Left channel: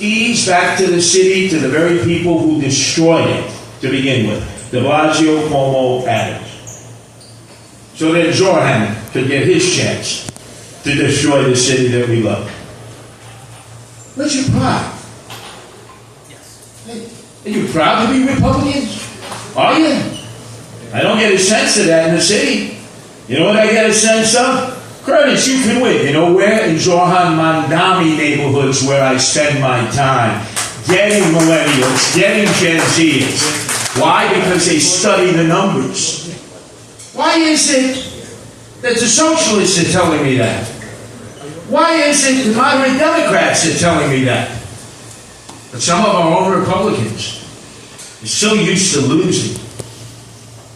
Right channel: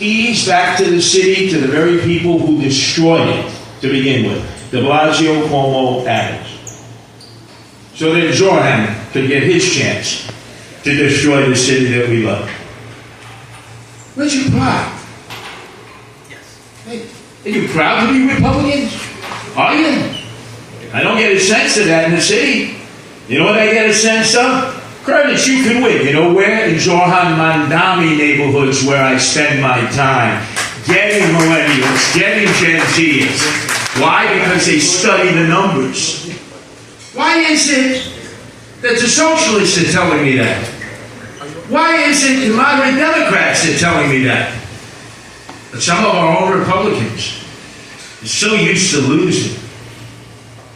Ease back to the city, to the very people who destroyed it to begin with. De Blasio, Cuomo, Adams. So that Zorhan could get his chance to destroy the city that we love. Where's your pride? Hey, are you proud to be Republicans? Are you? I don't get a sense of that in the city. You know what I get a sense of? Curtis, you can win. You know where? In Zorhan Mandami neighborhoods where I spend my time. Getting millennials, getting Gen Zers. Why? Because they study the numbers. Why is it that the socialists are telling me that? Why is it the moderate Democrats are telling me that? But some of our own Republicans are so used to losing.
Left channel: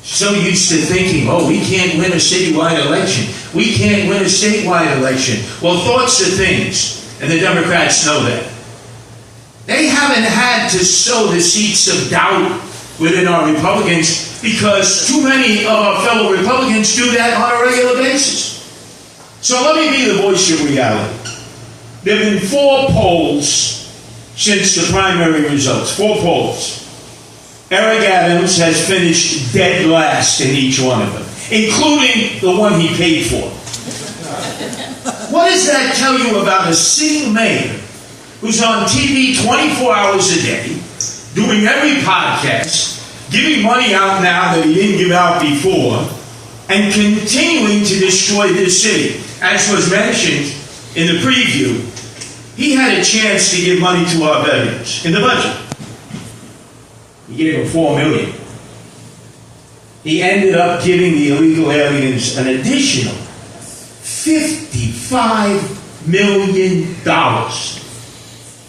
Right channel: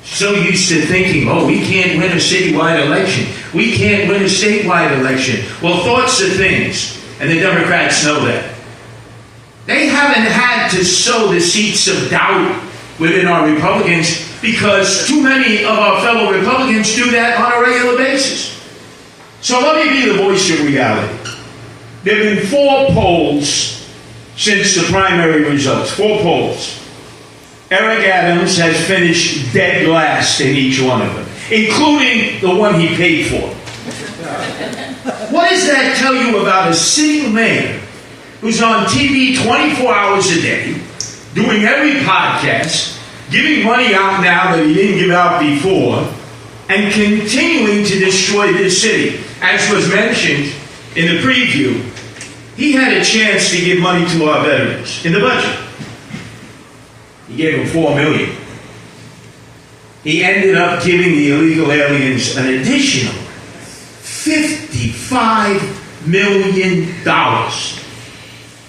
So used to thinking, oh, we can't win a citywide election. We can't win a statewide election. Well, thoughts are things, and the Democrats know that. They haven't had to sow the seeds of doubt within our Republicans because too many of our fellow Republicans do that on a regular basis. So let me be the voice of reality. There have been 4 polls since the primary results. 4 polls. Eric Adams has finished dead last in each one of them, including the one he paid for. What does that tell you about a sitting mayor who's on TV 24 hours a day, doing every podcast, giving money out now that he didn't give out before, and continuing to destroy this city? As was mentioned in the preview, he had a chance to give money to our veterans in the budget. He gave them $4 million. He ended up giving the illegal aliens an additional $55 million.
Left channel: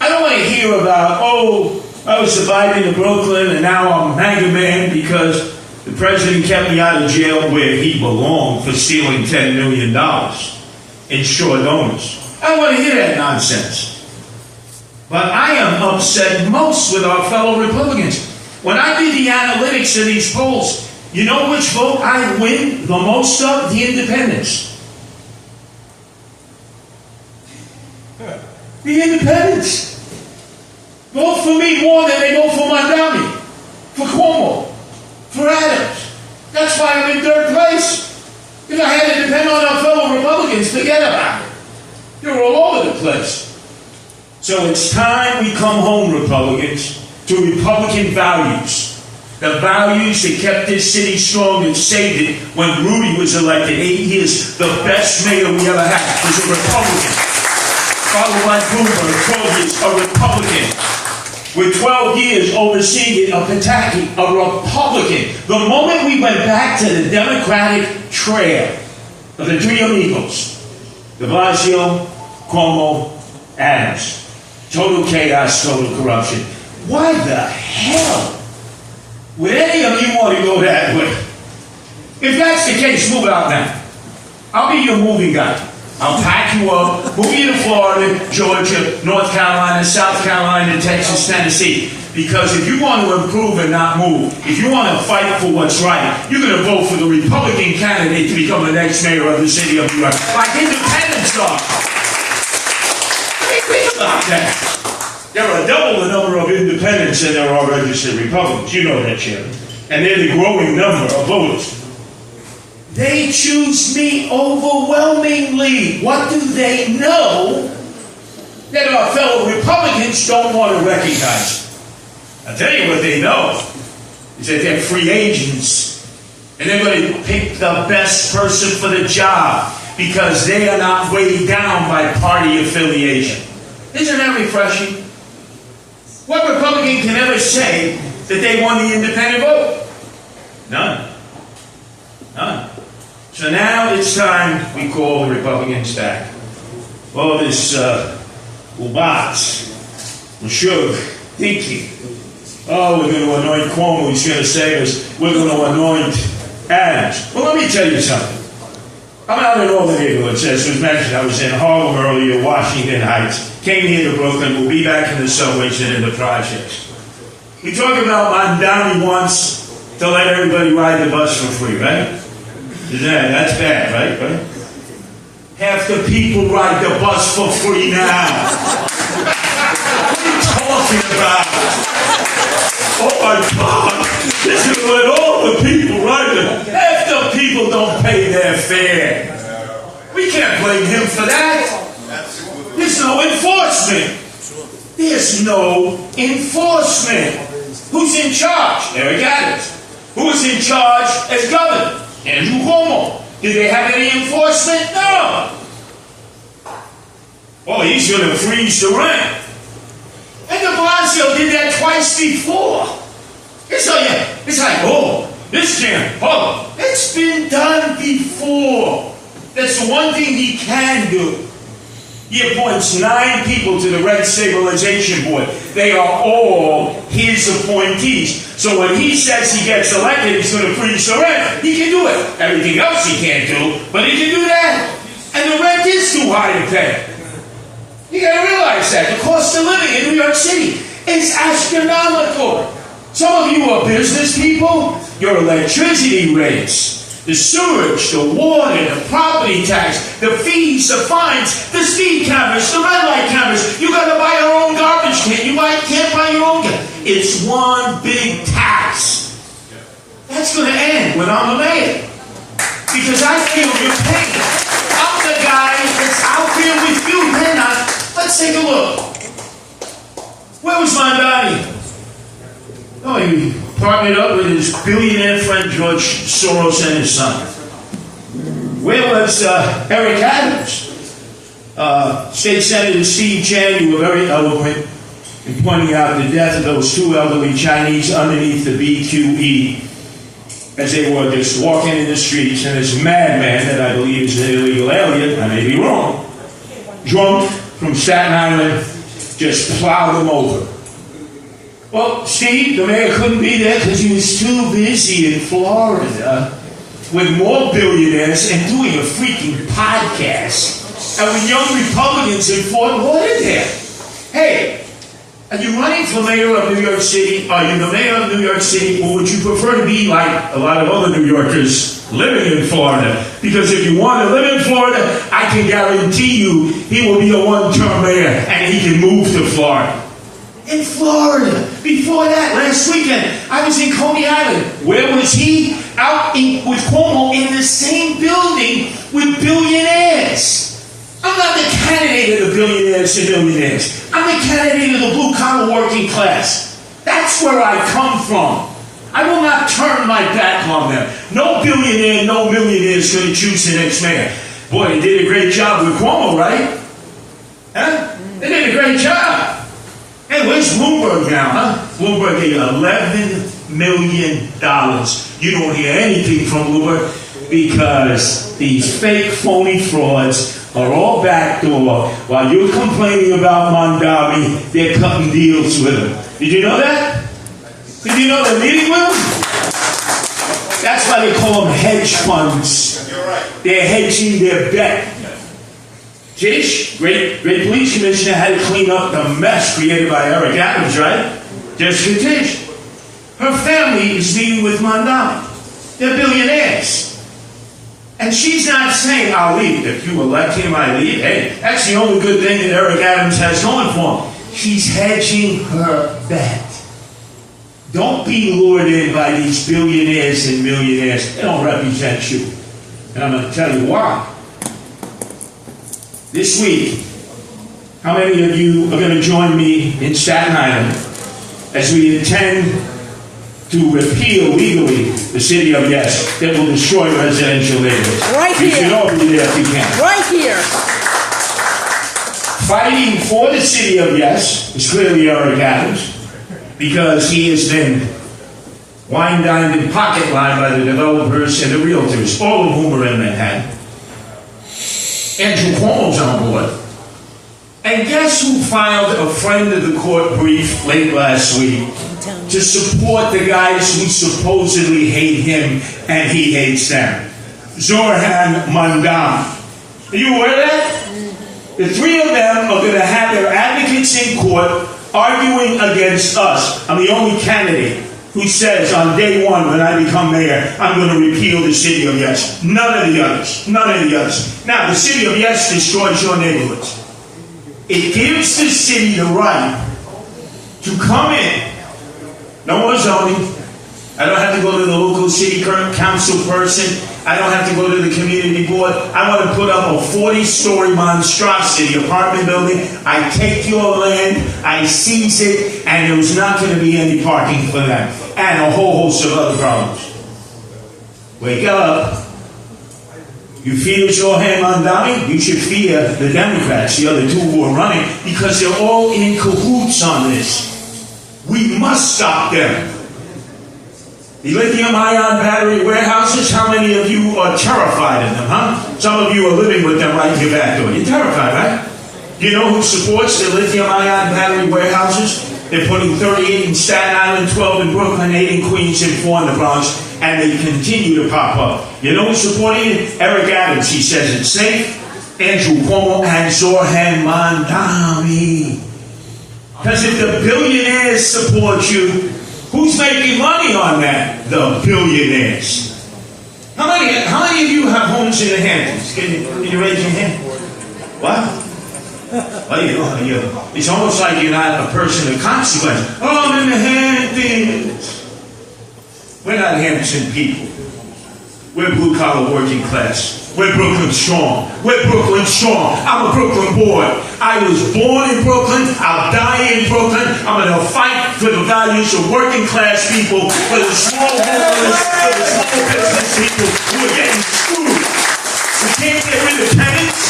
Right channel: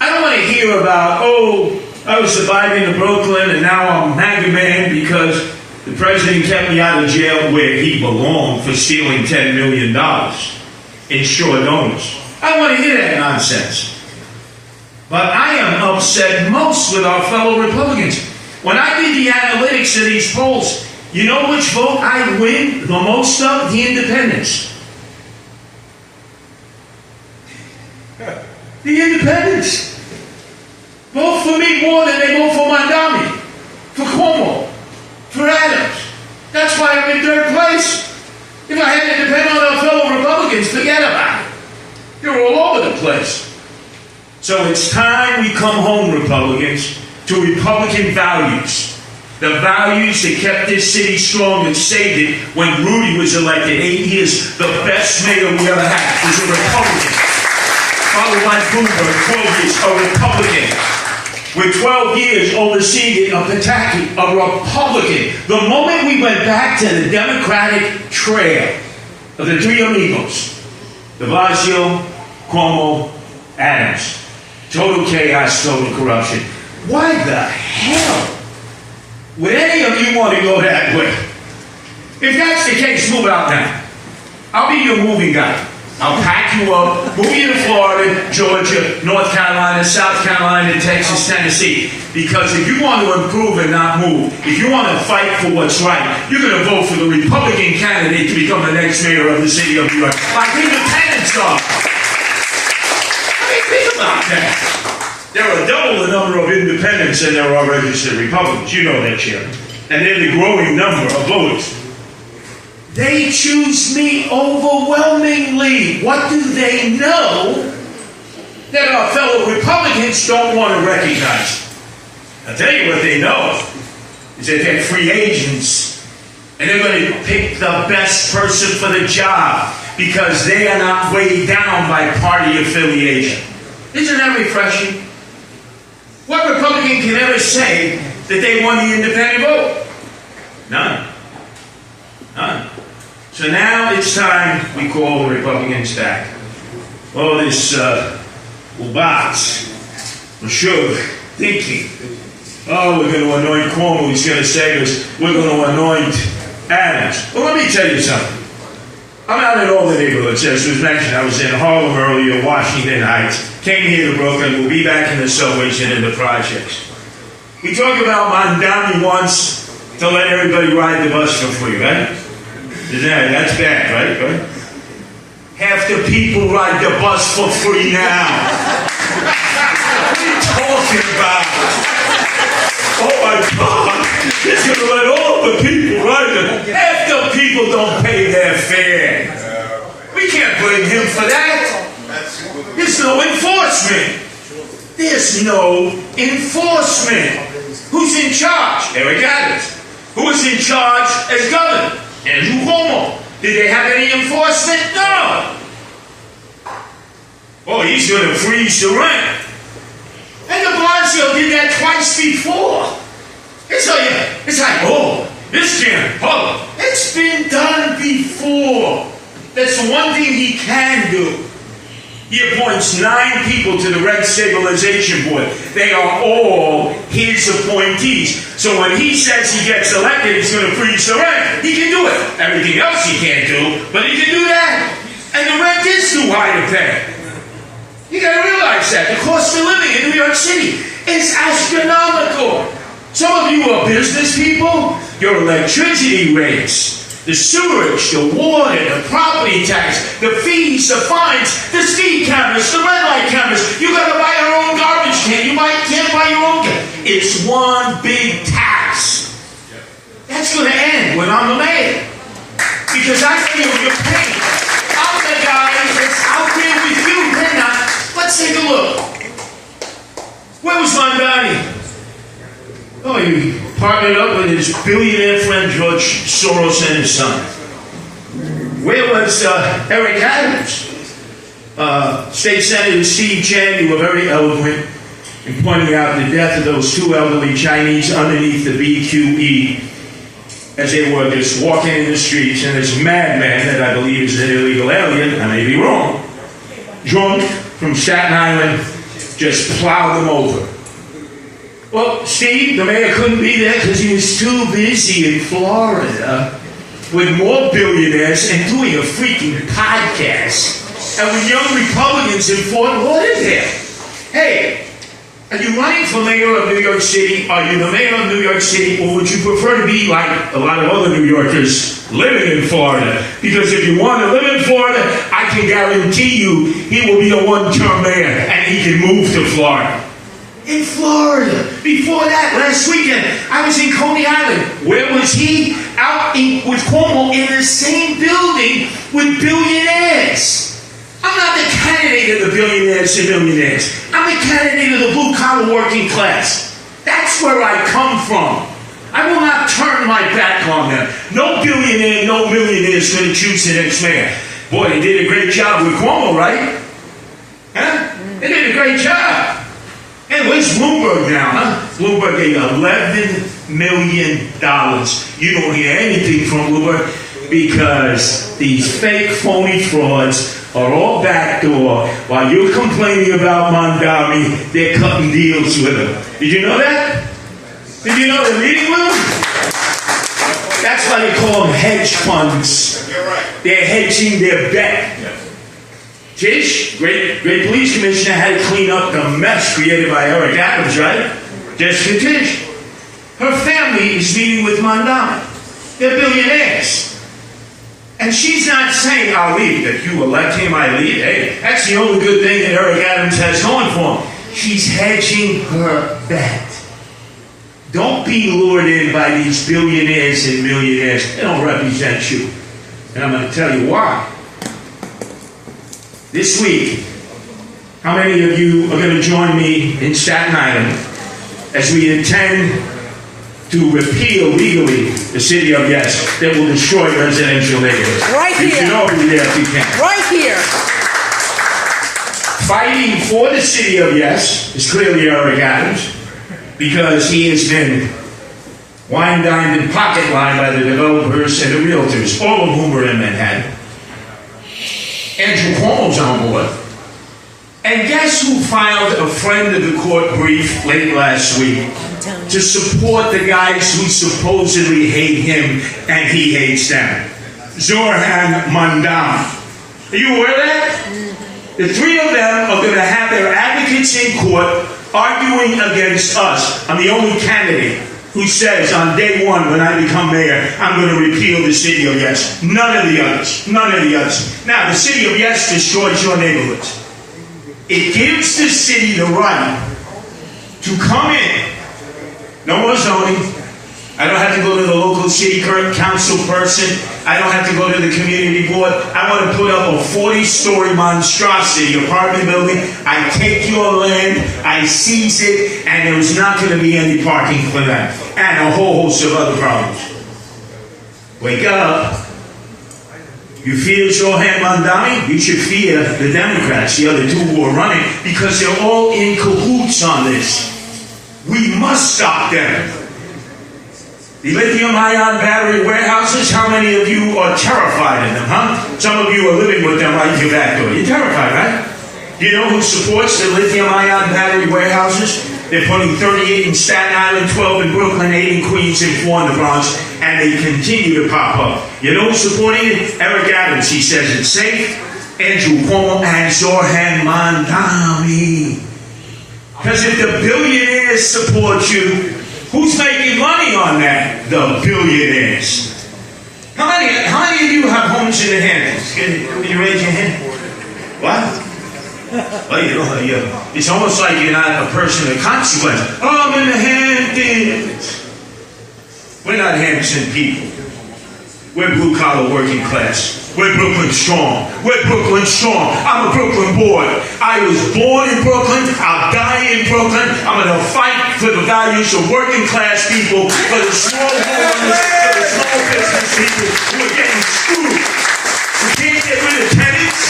I don't want to hear about, oh, I was surviving in Brooklyn and now I'm hanging man because the president kept me out of jail where he belonged for stealing $10 million in short notice. I don't want to hear that nonsense. But I am upset most with our fellow Republicans. When I did the analytics of these polls, you know which vote I win the most of? The independents. The independents vote for me more than they vote for Mandami, for Cuomo, for Adams. That's why I'm in 3rd place. If I had to depend on our fellow Republicans, forget about it. You're all over the place. So it's time we come home, Republicans, to Republican values. The values that kept this city strong and saved it when Rudy was elected 8 years. The best mayor we ever had was a Republican. Followed by Bloomberg, 12 years, a Republican. With 12 years overseeing it, a Pataki, a Republican. The moment we went back to the Democratic trail of the 3 amigos, de Blasio, Cuomo, Adams. Total chaos, total corruption. Why the hell would any of you want to go that way? If that's the case, move out now. I'll be your moving guy. I'll pack you up, move you to Florida, Georgia, North Carolina, South Carolina, Texas, Tennessee. Because if you want to improve and not move, if you want to fight for what's right, you're going to vote for the Republican candidate to become the next mayor of the city of New York. Like independents are. I mean, think about that. There are double the number of independents than there are registered Republicans. You know that, Chairman. And they're the growing number of voters. They choose me overwhelmingly. What do they know that our fellow Republicans don't want to recognize? I'll tell you what they know is that they're free agents and they're going to pick the best person for the job because they are not weighed down by party affiliation. Isn't that refreshing? What Republican can ever say that they won the independent vote? None. None. So now it's time we call the Republicans back. Oh, this Ubatz, Meshuggah, thinking, oh, we're going to anoint Cuomo, he's going to save us, we're going to anoint Adams. Well, let me tell you something. I'm out in all the neighborhoods, as was mentioned. I was in Harlem earlier, Washington Heights, came here to Brooklyn, we'll be back in the subways and in the projects. We talk about Mandami wants to let everybody ride the bus for free, right? That's bad, right? Half the people ride the bus for free now. talking about. Oh my God. It's going to let all the people right there. Half the people don't pay their fare. We can't blame him for that. There's no enforcement. There's no enforcement. Who's in charge? Eric Adams. Who was in charge as governor? Andrew Cuomo. Did they have any enforcement? No. Oh, he's going to freeze the rent. And de Blasio did that twice before. It's like, oh, this can't. Oh, it's been done before. That's the one thing he can do. He appoints 9 people to the Rent Stabilization Board. They are all his appointees. So when he says he gets elected, he's going to freeze the rent. He can do it. Everything else he can't do, but he can do that. And the rent is too high to pay. You got to realize that. The cost of living in New York City is astronomical. Some of you are business people. Your electricity rates, the sewage, the water, the property tax, the fees, the fines, the speed cameras, the red light cameras. You got to buy your own garbage can. You can't buy your own can. It's one big tax. That's going to end when I'm the mayor. Because I feel your pain. I'm the guy that's out there with you. They're not. Let's take a look. Where was Mondani? Oh, he partnered up with his billionaire friend George Soros and his son. Where was Eric Adams? State Senator Steve Chen, you were very eloquent in pointing out the death of those 2 elderly Chinese underneath the BQE as they were just walking in the streets, and this madman that I believe is an illegal alien, I may be wrong, drunk from Staten Island, just plowed them over. Well, Steve, the mayor couldn't be there because he was too busy in Florida with more billionaires and doing a freaking podcast. And with young Republicans in Fort Lauderdale. Hey, are you running for mayor of New York City? Are you the mayor of New York City? Or would you prefer to be like a lot of other New Yorkers living in Florida? Because if you want to live in Florida, I can guarantee you he will be a one-term mayor and he can move to Florida. In Florida. Before that, last weekend, I was in Coney Island. Where was he? Out with Cuomo in the same building with billionaires. I'm not the candidate of the billionaires and millionaires. I'm the candidate of the blue-collar working class. That's where I come from. I will not turn my back on them. No billionaire, no millionaire is going to choose the next mayor. Boy, they did a great job with Cuomo, right? Huh? They did a great job. And where's Bloomberg now, huh? Bloomberg gave $11 million. You don't hear anything from Bloomberg because these fake, phony frauds are all backdoor. While you're complaining about Mondami, they're cutting deals with him. Did you know that? Did you know they're meeting with him? That's why they call them hedge funds. They're hedging their bet. Tish, great police commissioner, had to clean up the mess created by Eric Adams, right? Jessica Tish. Her family is meeting with Mondami. They're billionaires. And she's not saying, I'll leave. If you elect him, I leave. Hey, that's the only good thing that Eric Adams has going for him. She's hedging her bet. Don't be lured in by these billionaires and millionaires. They don't represent you. And I'm going to tell you why. This week, how many of you are going to join me in Staten Island as we intend to repeal legally the city of Yes that will destroy residential neighborhoods? Right here. You should all be there if you can. Right here. Fighting for the city of Yes is clearly Eric Adams because he has been wine-dined and pocket-lined by the developers and the realtors, all of whom are in Manhattan. Andrew Cuomo's on board. And guess who filed a friend of the court brief late last week to support the guys who supposedly hate him and he hates them? Zoran Mondani. Are you aware of that? The 3 of them are going to have their advocates in court arguing against us. I'm the only candidate who says on day 1 when I become mayor, I'm going to repeal the city of Yes. None of the others. None of the others. Now, the city of Yes destroys your neighborhoods. It gives the city the right to come in. No more zoning. I don't have to go to the local city council person. I don't have to go to the community board. I want to put up a 40-story monstrosity apartment building. I take your land, I seize it, and there's not going to be any parking for that. And a whole host of other problems. Wake up. You fear Zohan Mandami? You should fear the Democrats, the other two who are running, because they're all in cahoots on this. We must stop them. The lithium-ion battery warehouses, how many of you are terrified of them, huh? Some of you are living with them right here back door. You're terrified, right? Do you know who supports the lithium-ion battery warehouses? They're putting 38 in Staten Island, 12 in Brooklyn, 8 in Queens, and 4 in the Bronx, and they continue to pop up. You know who's supporting it? Eric Adams. He says it's safe. Andrew Cuomo and Zohan Mandami. Because if the billionaires support you, who's making money on that? The billionaires. How many of you have homes in the Hamptons? Can you raise your hand? What? Well, it's almost like you're not a person of consequence. Oh, I'm in the Hamptons. We're not Hampton people. We're blue-collar working class. We're Brooklyn strong. We're Brooklyn strong. I'm a Brooklyn boy. I was born in Brooklyn. I'll die in Brooklyn. I'm going to fight for the values of working class people, for the small homeowners, for the small business people who are getting screwed. We can't get rid of tenants.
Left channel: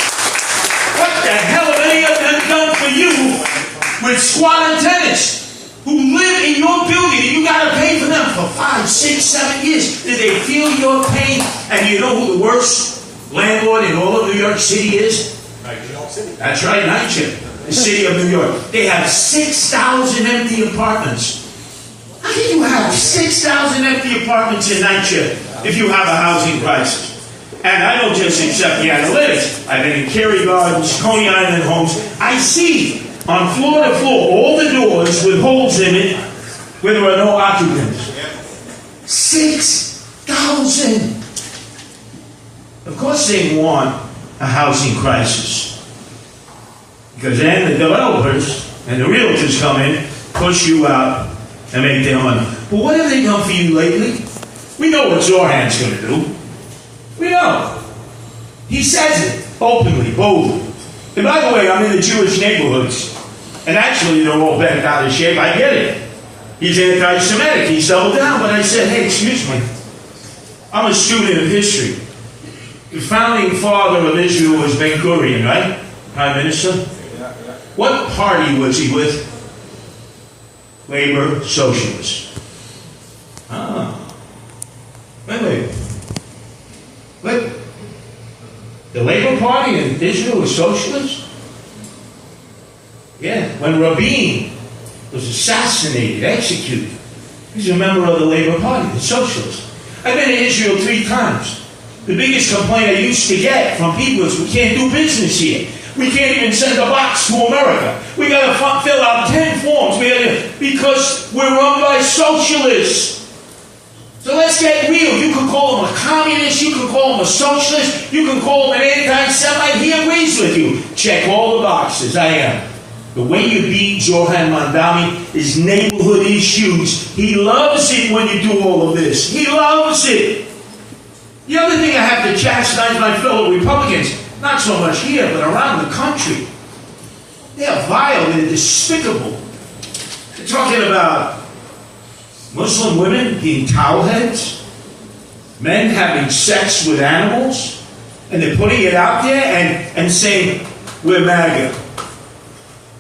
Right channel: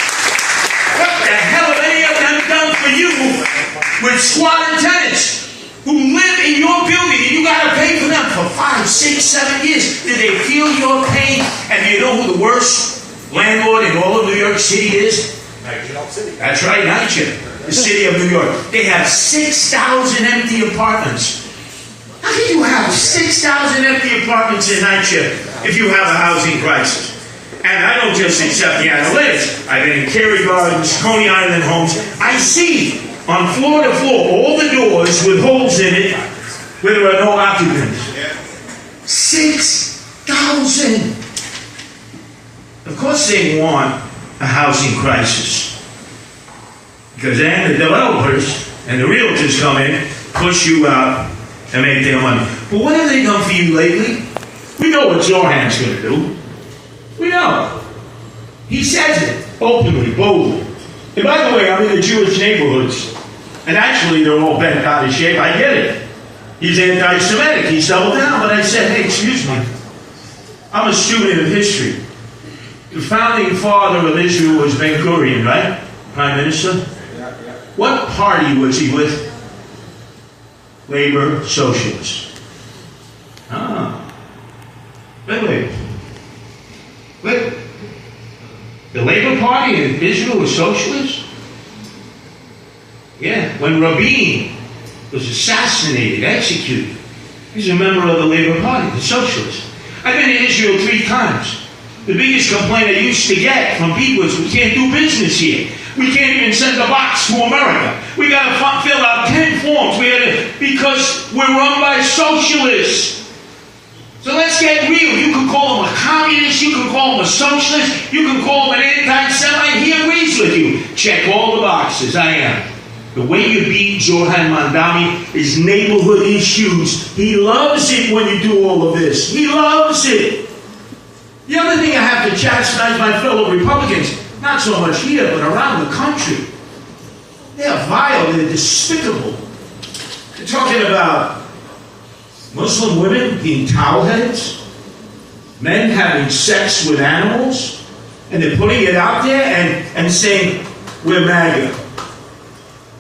What the hell have any of them done for you with squatter tenants who live in your building and you got to pay for them for 5, 6, 7 years? Did they feel your pain? And do you know who the worst landlord in all of New York City is? City. That's right, NYC, the city of New York. They have 6,000 empty apartments. How can you have 6,000 empty apartments in NYC if you have a housing crisis? And I don't just accept the analytics. I've been in Cary Gardens, Coney Island homes. I see on floor to floor all the doors with holes in it where there are no occupants. 6,000. Of course they want a housing crisis. Because then the developers and the realtors come in, push you out, and make their money. But what have they done for you lately? We know what Zohan's going to do. We know. He says it openly, boldly. And by the way, I'm in the Jewish neighborhoods. And actually, they're all bent out of shape. I get it. He's anti-Semitic. He's doubled down. But I said, hey, excuse me. I'm a student of history. The founding father of Israel was Ben-Gurion, right? Prime Minister? Yeah. What party was he with? Labor Socialist. Wait. The Labor Party in Israel was socialist? Yeah. When Rabin was assassinated, executed, he's a member of the Labor Party, the socialist. I've been to Israel 3 times. The biggest complaint I used to get from people is we can't do business here. We can't even send a box to America. We got to fill out 10 forms because we're run by socialists. So let's get real. You can call him a communist. You can call him a socialist. You can call him an anti-Semite. He agrees with you. Check all the boxes. I am. The way you beat Zohan Mandami is neighborhood issues. He loves it when you do all of this. He loves it. The other thing I have to chastise my fellow Republicans, not so much here, but around the country. They're vile. They're despicable. They're talking about Muslim women being towel heads, men having sex with animals, and they're putting it out there and saying, we're MAGA.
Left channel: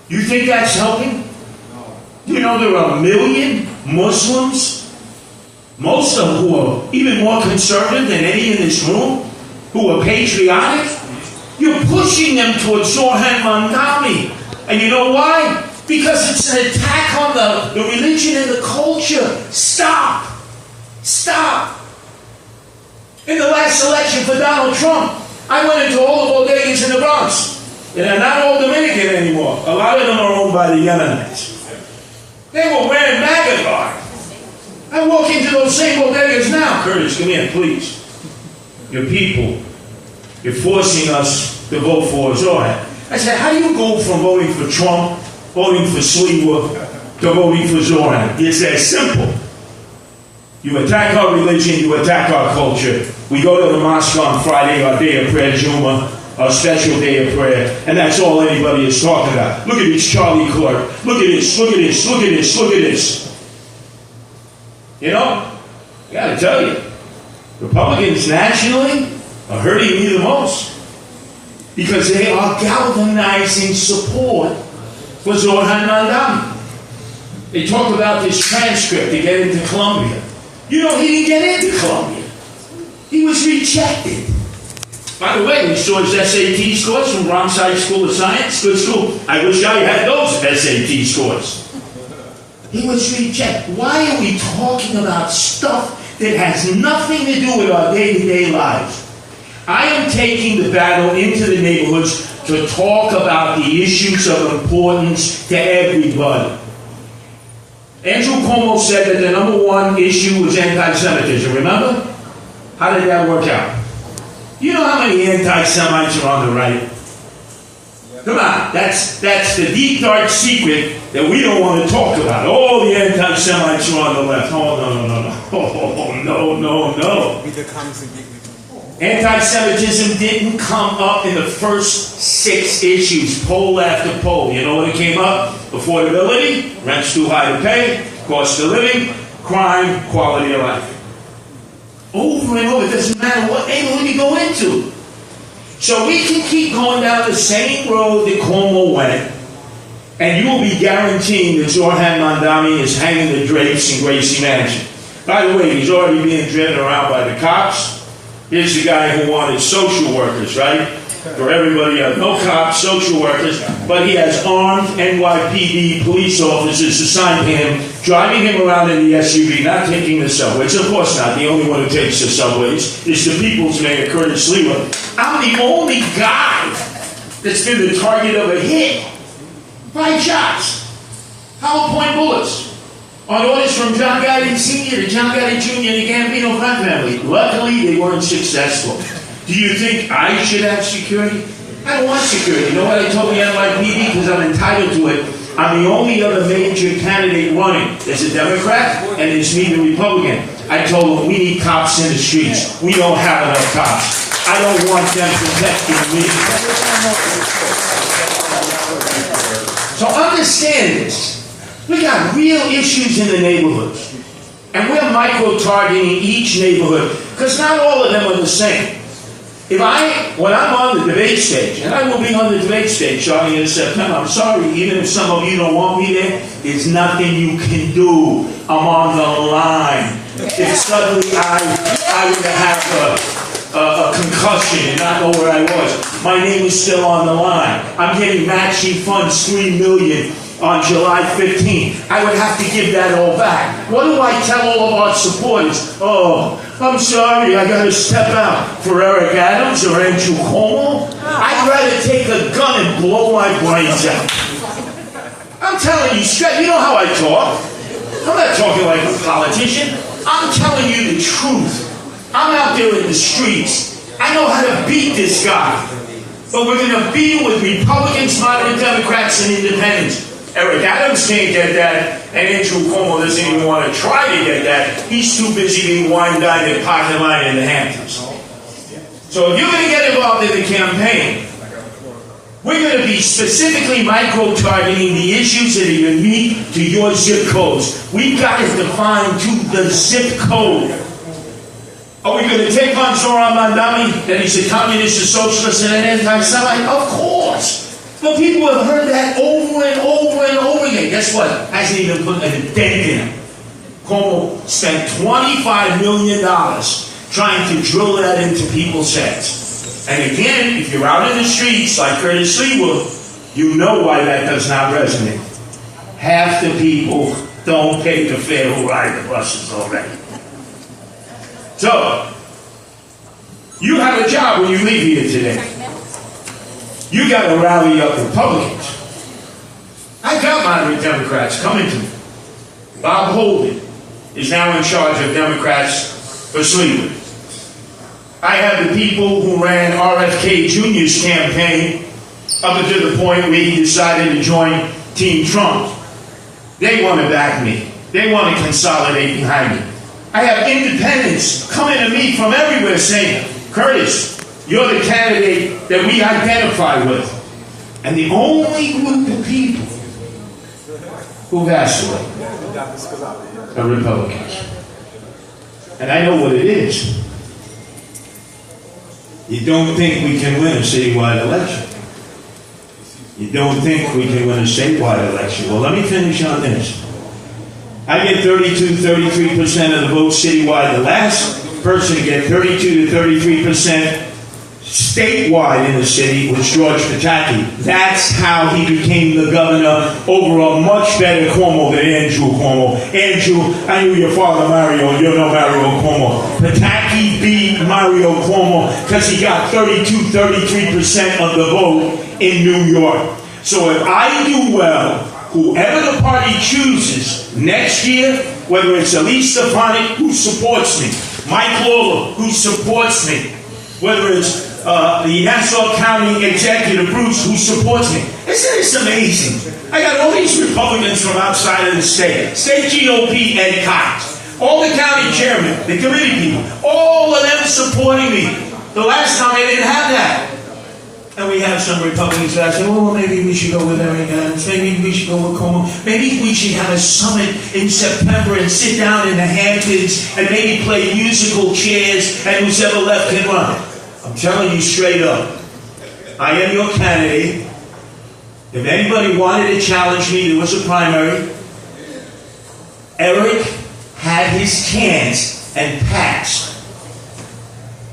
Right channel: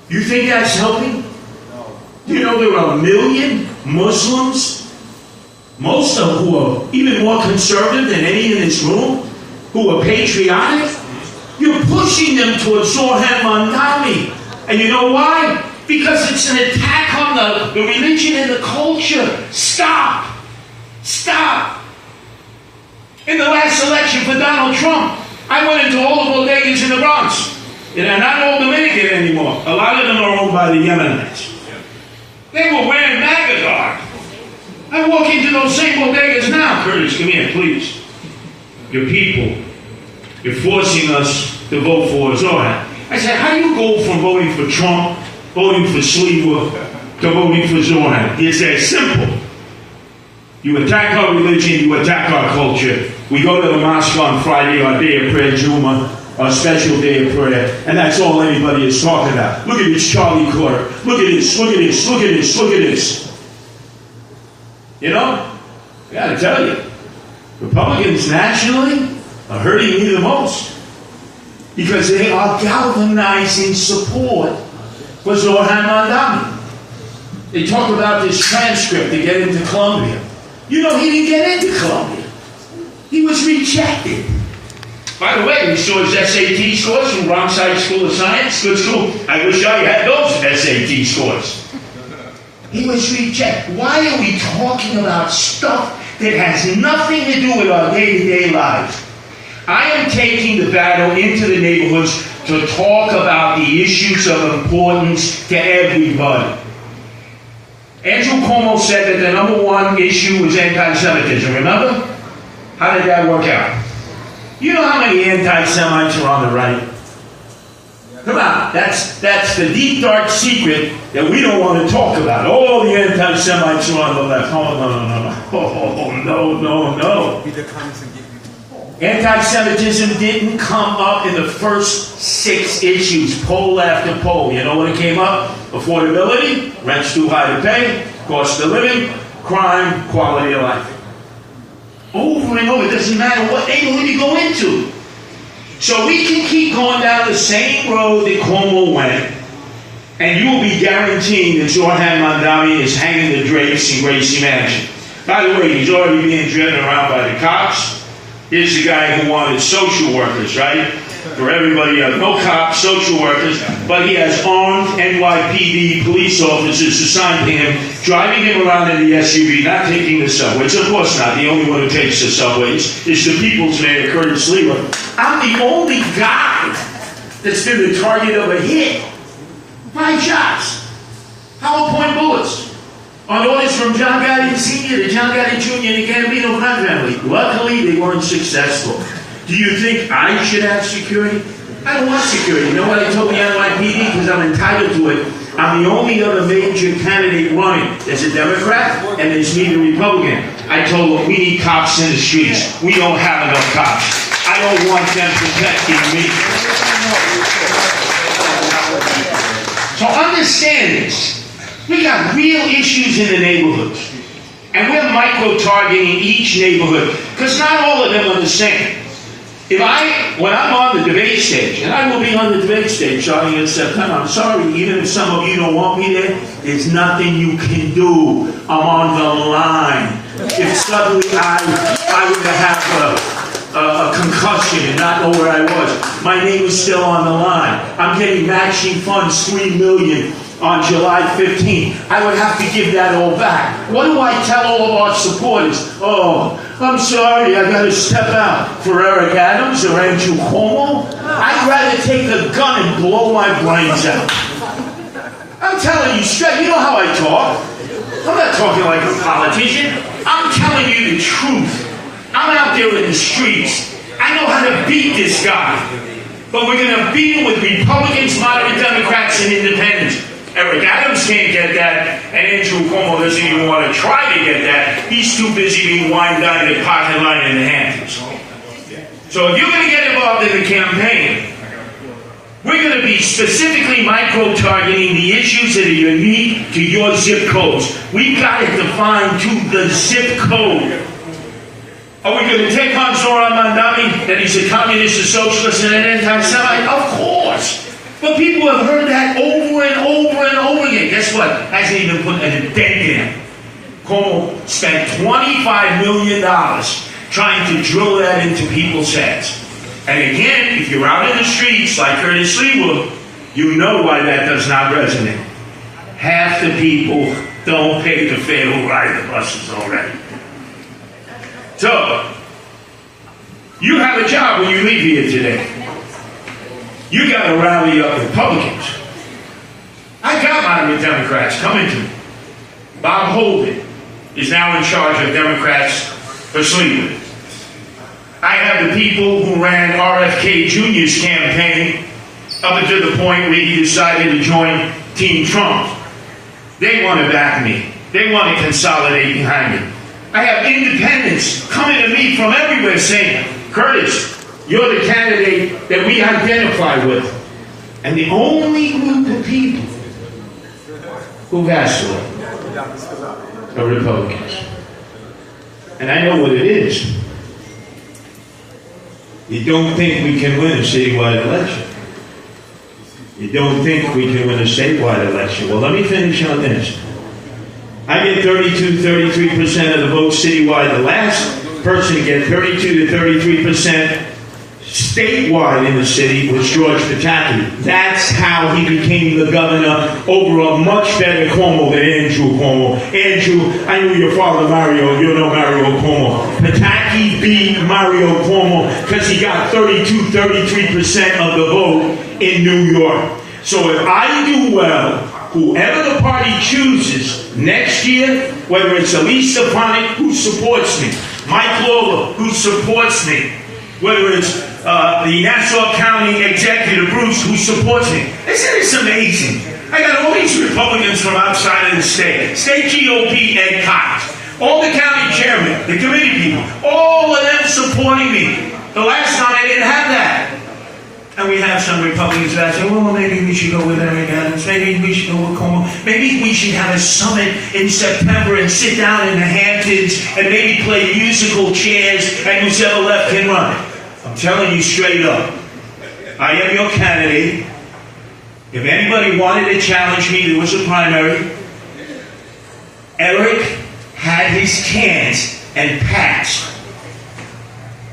You think that's helping? No. You know there are 1 million Muslims, most of who are even more conservative than any in this room, who are patriotic. You're pushing them towards Zohan Mandami. And you know why? Because it's an attack on the religion and the culture. Stop. Stop. In the last election for Donald Trump, I went into all the bodegas in the Bronx. And they're not all Dominican anymore. A lot of them are owned by the Yemenites. They were wearing MAGA garb. I walk into those same bodegas now. Curtis, come here, please. Your people, you're forcing us to vote for Zohan. I said, how do you go from voting for Trump, voting for Sliwa, to voting for Zoran. It's that simple. You attack our religion, you attack our culture. We go to the mosque on Friday, our day of prayer, Juma, our special day of prayer, and that's all anybody is talking about. Look at this Charlie Clerk. Look at this, look at this, look at this, look at this. You know, I gotta tell you, Republicans nationally are hurting me the most because they are galvanizing support for Zoran Mandami. They talk about this transcript to get into Columbia. You know, he didn't get into Columbia. He was rejected. By the way, we saw his SAT scores from Wrong-Side School of Science. Good school. I wish I had those SAT scores. He was rejected. Why are we talking about stuff that has nothing to do with our day-to-day lives? I am taking the battle into the neighborhoods to talk about the issues of importance to everybody. Andrew Cuomo said that the number one issue was anti-Semitism, remember? How did that work out? You know how many anti-Semites are on the right? Come on, that's the deep, dark secret that we don't want to talk about. Oh, the anti-Semites are on the left. Oh, no. Anti-Semitism didn't come up in the first 6 issues, poll after poll. You know what it came up? Affordability, rent's too high to pay, cost of living, crime, quality of life. Over and over, it doesn't matter what neighborhood you go into. So we can keep going down the same road that Cuomo went, and you will be guaranteeing that Zoran Mandami is hanging the drapes in Gracie Mansion. By the way, he's already being driven around by the cops. Here's the guy who wanted social workers, right? For everybody else. No cops, social workers, but he has armed NYPD police officers assigned to him, driving him around in the SUV, not taking the subways. Of course not. The only one who takes the subways is the people's man, Curtis Sliwa. I'm the only guy that's been the target of a hit. 5 shots. Hollow point bullets. On orders from John Gotti Sr. to John Gotti Jr. and the Gambino crime family. Luckily, they weren't successful. Do you think I should have security? I don't want security. You know what I told the NYPD? Because I'm entitled to it. I'm the only other major candidate running. There's a Democrat and there's me, the Republican. I told them we need cops in the streets. We don't have enough cops. I don't want them protecting me. So understand this. We got real issues in the neighborhoods. And we're micro-targeting each neighborhood. Because not all of them are the same. When I'm on the debate stage, and I will be on the debate stage starting in September, I'm sorry, even if some of you don't want me there, there's nothing you can do. I'm on the line. If suddenly I were to have a concussion and not know where I was, my name is still on the line. I'm getting matching funds, $3 million. On July 15th, I would have to give that all back. What do I tell all of our supporters? Oh, I'm sorry, I got to step out for Eric Adams or Andrew Cuomo. I'd rather take a gun and blow my brains out. I'm telling you straight, you know how I talk. I'm not talking like a politician. I'm telling you the truth. I'm out there in the streets. I know how to beat this guy. But we're going to beat him with Republicans, moderate Democrats, and independents. Eric Adams can't get that, and Andrew Cuomo doesn't even want to try to get that. He's too busy being wine dined at Pocket Line in the Hamptons. So if you're going to get involved in the campaign, we're going to be specifically micro-targeting the issues that are unique to your zip codes. We've got it defined to the zip code. Are we going to take on Zoran Mandami, that he's a communist, a socialist, and an anti-Semite? Of course. But people have heard that over and over and over again. Guess what? Hasn't even put a dent in it. Cuomo spent $25 million trying to drill that into people's heads. And again, if you're out in the streets like Curtis Sliwa, you know why that does not resonate. Half the people don't pay the fare who ride the buses already. So, you have a job when you leave here today. You got to rally up Republicans. I got moderate Democrats coming to me. Bob Holden is now in charge of Democrats for Sliwa. I have the people who ran RFK Jr.'s campaign up until the point where he decided to join Team Trump. They want to back me. They want to consolidate behind me. I have independents coming to me from everywhere saying, Curtis, you're the candidate that we identify with. And the only group of people who vacillate are Republicans. And I know what it is. You don't think we can win a citywide election. You don't think we can win a statewide election. Well, let me finish on this. I get 33% of the votes citywide. The last person to get 32 to 33% statewide in the city was George Pataki. That's how he became the governor over a much better Cuomo than Andrew Cuomo. Andrew, I knew your father Mario, and you know Mario Cuomo. Pataki beat Mario Cuomo because he got 33% of the vote in New York. So if I do well, whoever the party chooses next year, whether it's Elise Stefanik, who supports me, Mike Lawler, who supports me, whether it's the Nassau County Executive Bruce, who supports me. Isn't this amazing? I got all these Republicans from outside of the state. State GOP, Ed Cox. All the county chairmen, the committee people, all of them supporting me. The last time I didn't have that. And we have some Republicans that say, well, maybe we should go with Eric Adams. Maybe we should go with Cuomo. Maybe we should have a summit in September and sit down in the Hamptons and maybe play musical chairs and who's ever left can run. I'm telling you straight up, I am your candidate. If anybody wanted to challenge me, there was a primary. Eric had his chance and passed.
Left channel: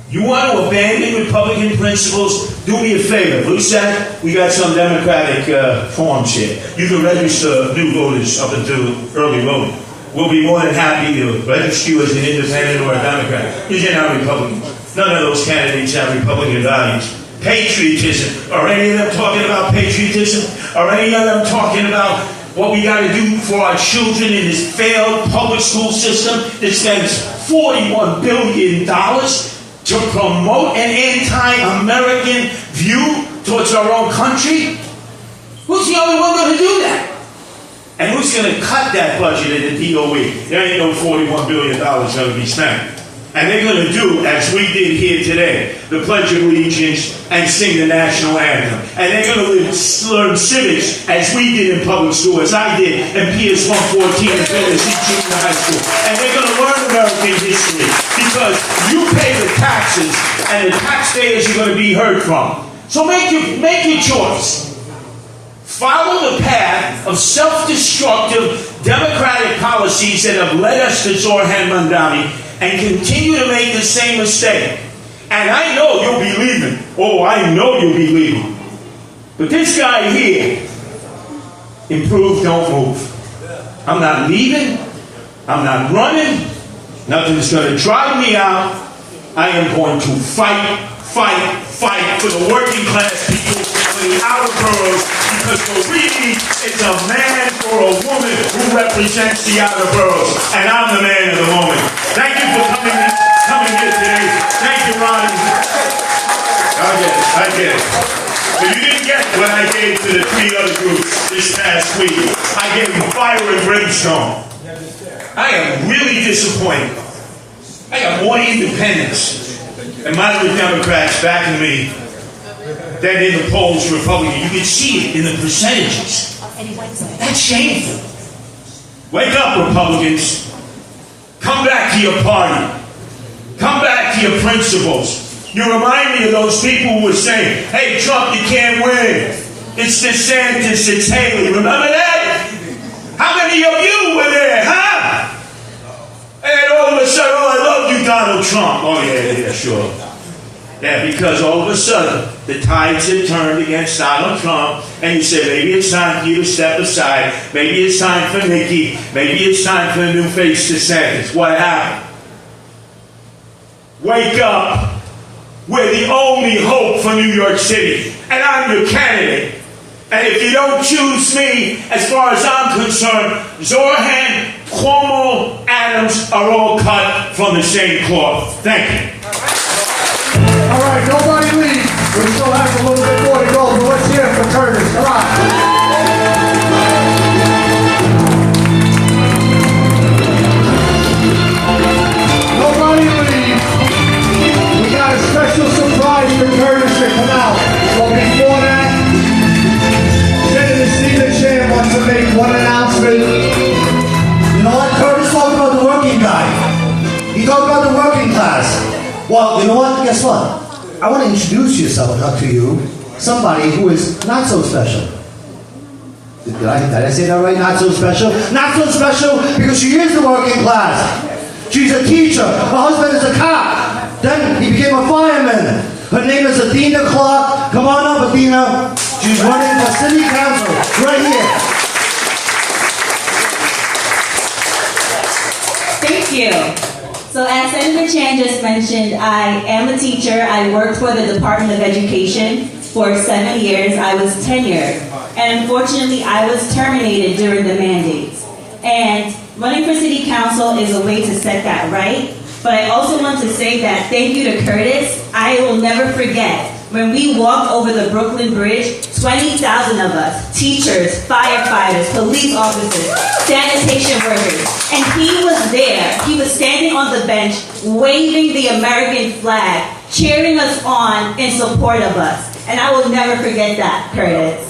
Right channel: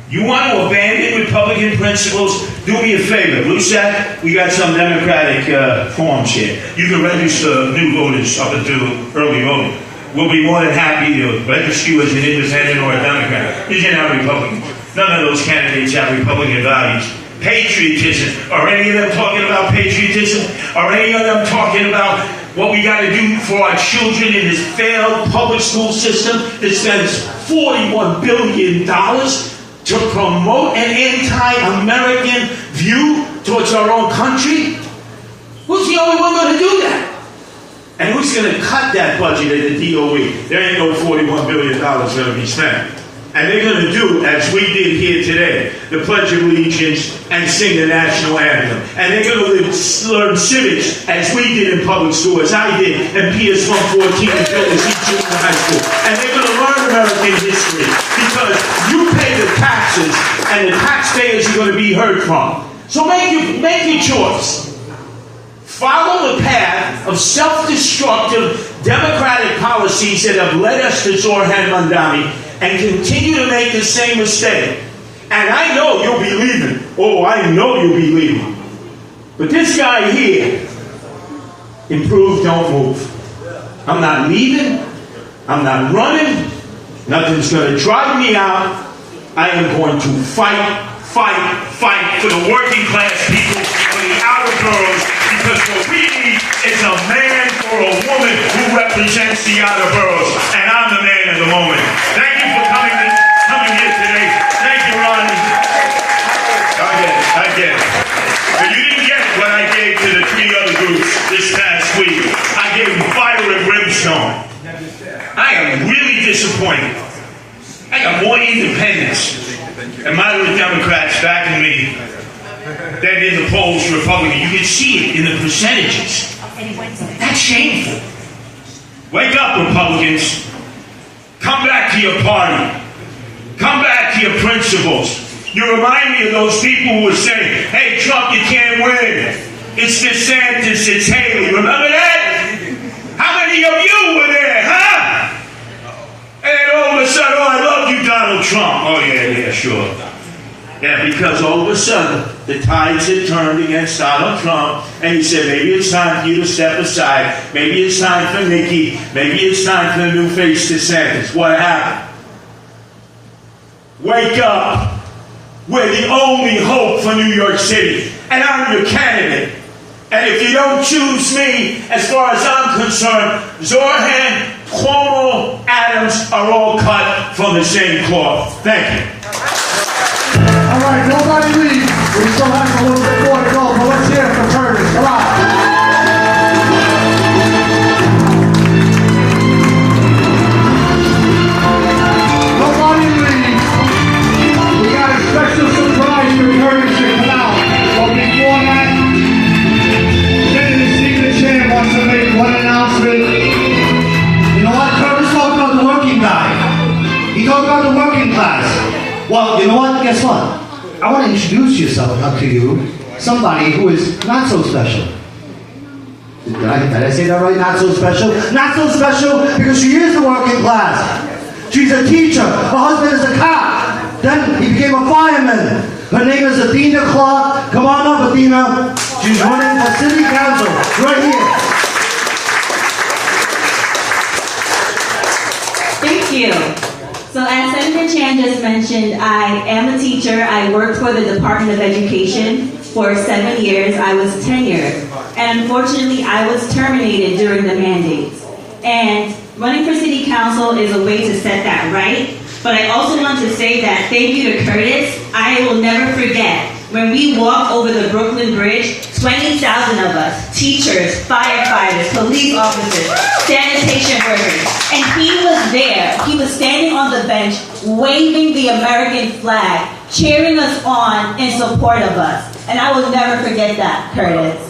You want to abandon Republican principles? Do me a favor. Lucette, we got some Democratic forms here. You can register new voters up until early voting. We'll be more than happy to register you as an independent or a Democrat. These are not Republicans. None of those candidates have Republican values. Patriotism. Are any of them talking about patriotism? Are any of them talking about what we got to do for our children in this failed public school system that spends $41 billion to promote an anti-American view towards our own country? Who's the only one going to do that? And who's going to cut that budget at the DOE? There ain't no $41 billion going to be spent. And they're going to do, as we did here today, the Pledge of Allegiance and sing the national anthem. And they're going to learn civics, as we did in public school, as I did in PS 114 and Tennessee Junior High School. And they're going to learn American history because you pay the taxes, and the taxpayers are going to be heard from. So make your choice. Follow the path of self-destructive Democratic policies that have led us to Zoran Mandani and continue to make the same mistake. And I know you'll be leaving. Oh, I know you'll be leaving. But this guy here, improve, don't move. I'm not leaving. I'm not running. Nothing's going to drive me out. I am going to fight for the working class people, for the outer boroughs, because what we need is a man or a woman who represents the outer boroughs, and I'm the man of the moment. Thank you for coming here today. Thank you, Ronnie. I get it. But you didn't get what I gave to the three other groups this past week. I gave them fire and brimstone. I am really disappointed. I got more independents and moderate Democrats backing me than in the polls Republican. You can see it in the percentages. That's shameful. Wake up, Republicans. Come back to your party. Come back to your principles. You remind me of those people who were saying, hey, Trump, you can't win. It's DeSantis, it's Haley. Remember that? How many of you were there, huh? And all of a sudden, oh, I love you, Donald Trump. Oh, yeah, sure. Yeah, because all of a sudden, the tides had turned against Donald Trump, and he said, maybe it's time for you to step aside. Maybe it's time for Nikki. Maybe it's time for the new face DeSantis. What happened? Wake up. We're the only hope for New York City, and I'm your candidate. And if you don't choose me, as far as I'm concerned, Zoran, Cuomo, Adams are all cut from the same cloth. Thank you. All right, nobody leave. We still have a little bit more to go, but let's hear it for Curtis. Come on. Well, you know what? Guess what? I want to introduce to you somebody who is not so special. Did I say that right? Not so special? Not so special because she is the working class. She's a teacher. Her husband is a cop. Then he became a fireman. Her name is Adina Clark. Come on up, Adina. She's running for city council right here. Thank you. So as Senator Chan just mentioned, I am a teacher. I worked for the Department of Education for 7 years. I was tenured. And unfortunately, I was terminated during the mandates. And running for city council is a way to set that right. But I also want to say that thank you to Curtis. I will never forget when we walked over the Brooklyn Bridge, 20,000 of us, teachers, firefighters, police officers, sanitation workers, and he was there. He was standing on the bench, waving the American flag, cheering us on in support of us. And I will never forget that, Curtis.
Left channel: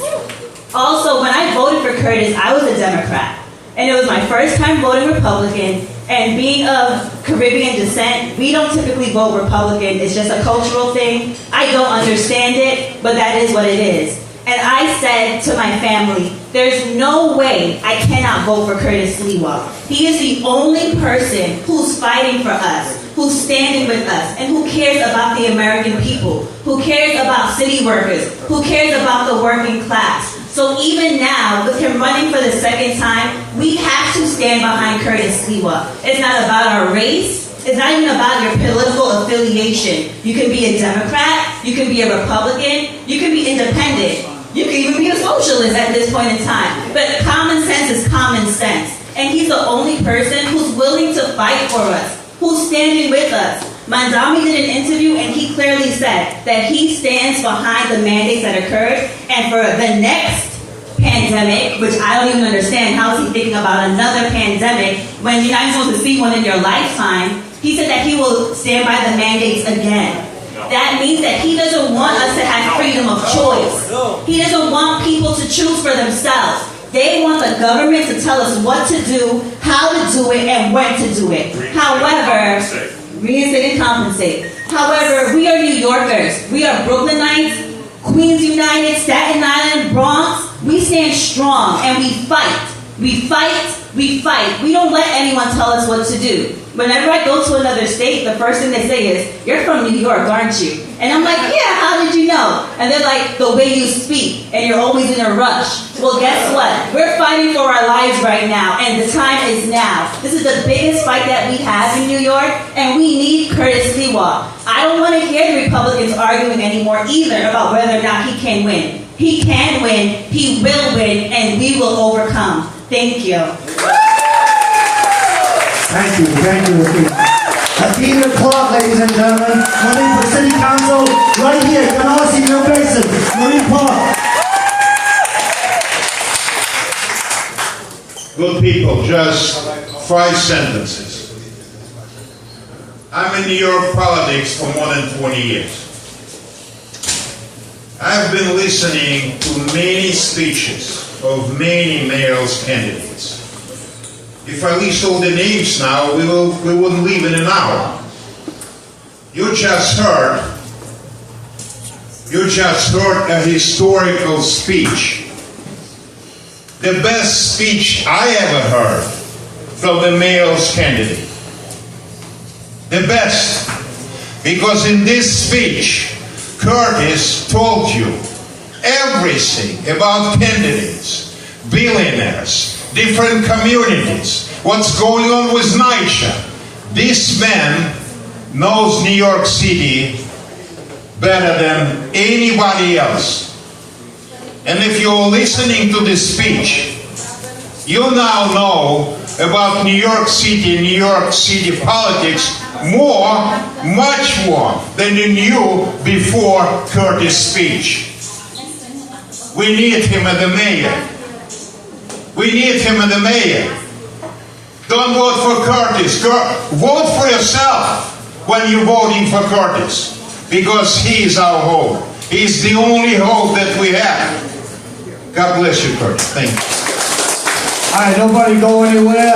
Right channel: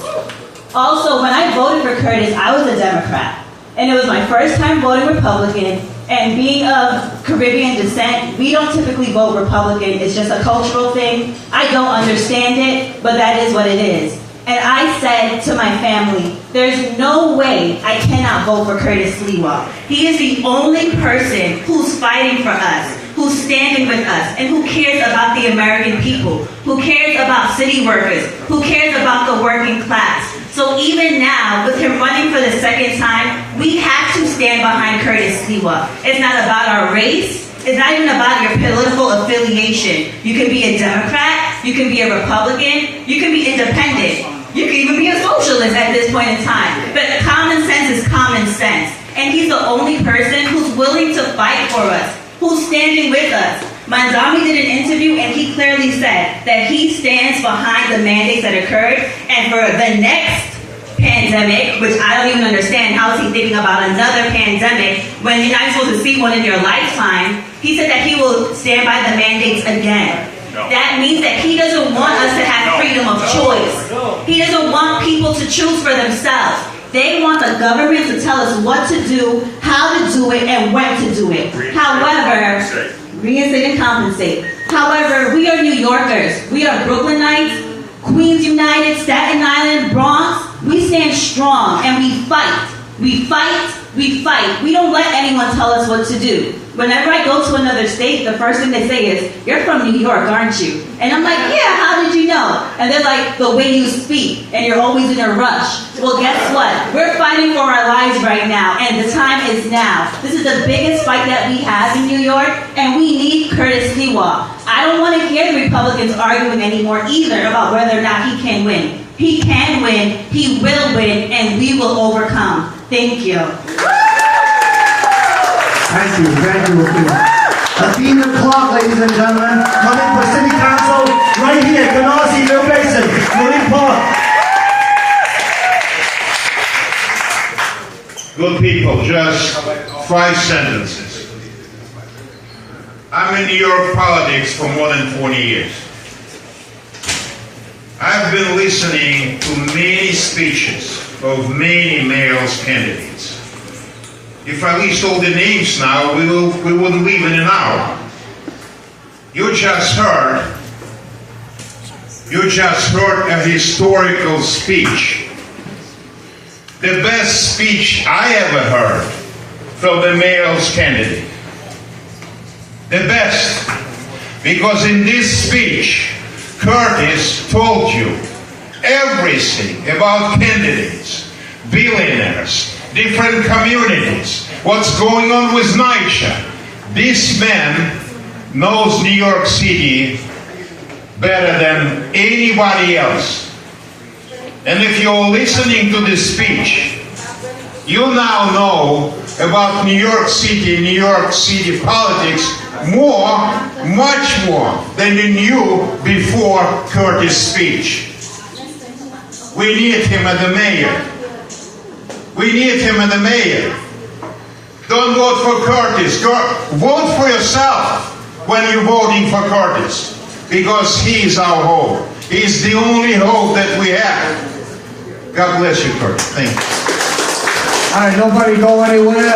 Also, when I voted for Curtis, I was a Democrat. And it was my first time voting Republican. And being of Caribbean descent, we don't typically vote Republican. It's just a cultural thing. I don't understand it, but that is what it is. And I said to my family, there's no way I cannot vote for Curtis Sliwa. He is the only person who's fighting for us, who's standing with us, and who cares about the American people, who cares about city workers, who cares about the working class. So even now, with him running for the second time, we have to stand behind Curtis Sliwa. It's not about our race. It's not even about your political affiliation. You can be a Democrat, you can be a Republican, you can be independent. You can even be a socialist at this point in time. But common sense is common sense. And he's the only person who's willing to fight for us, who's standing with us. Mandami did an interview and he clearly said that he stands behind the mandates that occurred, and for the next pandemic, which I don't even understand, how is he thinking about another pandemic when you're not even supposed to see one in your lifetime? He said that he will stand by the mandates again. That means that he doesn't want us to have freedom of choice. He doesn't want people to choose for themselves. They want the government to tell us what to do, how to do it, and when to do it. However, reinstate and compensate. However, we are New Yorkers. We are Brooklynites, Queens United, Staten Island, Bronx. We stand strong and we fight. We fight. We fight. We don't let anyone tell us what to do. Whenever I go to another state, the first thing they say is, "You're from New York, aren't you?" And I'm like, "Yeah, how did you know?" And they're like, "The way you speak, and you're always in a rush." Well, guess what? We're fighting for our lives right now, and the time is now. This is the biggest fight that we have in New York, and we need Curtis Sliwa. I don't want to hear the Republicans arguing anymore either about whether or not he can win. He can win, he will win, and we will overcome. Thank you. Thank you, Adina Clark, ladies and gentlemen, running for city council right here. You can all see your faces. Marine Park. Good people, just 5 sentences. I'm in New York politics for more than 20 years. I've been listening to many speeches of many male candidates. If I list all the names now, we wouldn't leave in an hour. You just heard a historical speech. The best speech I ever heard from the male candidate. The best. Because in this speech, Curtis told you everything about candidates, billionaires, different communities, what's going on with NYC. This man knows New York City better than anybody else. And if you're listening to this speech, you now know about New York City politics much more than you knew before Curtis' speech. We need him as the mayor. We need him as the mayor. Don't vote for Curtis. Vote for yourself when you're voting for Curtis, because he is our hope. He is the only hope that we have. God bless you, Curtis. Thank you. All right, nobody go anywhere.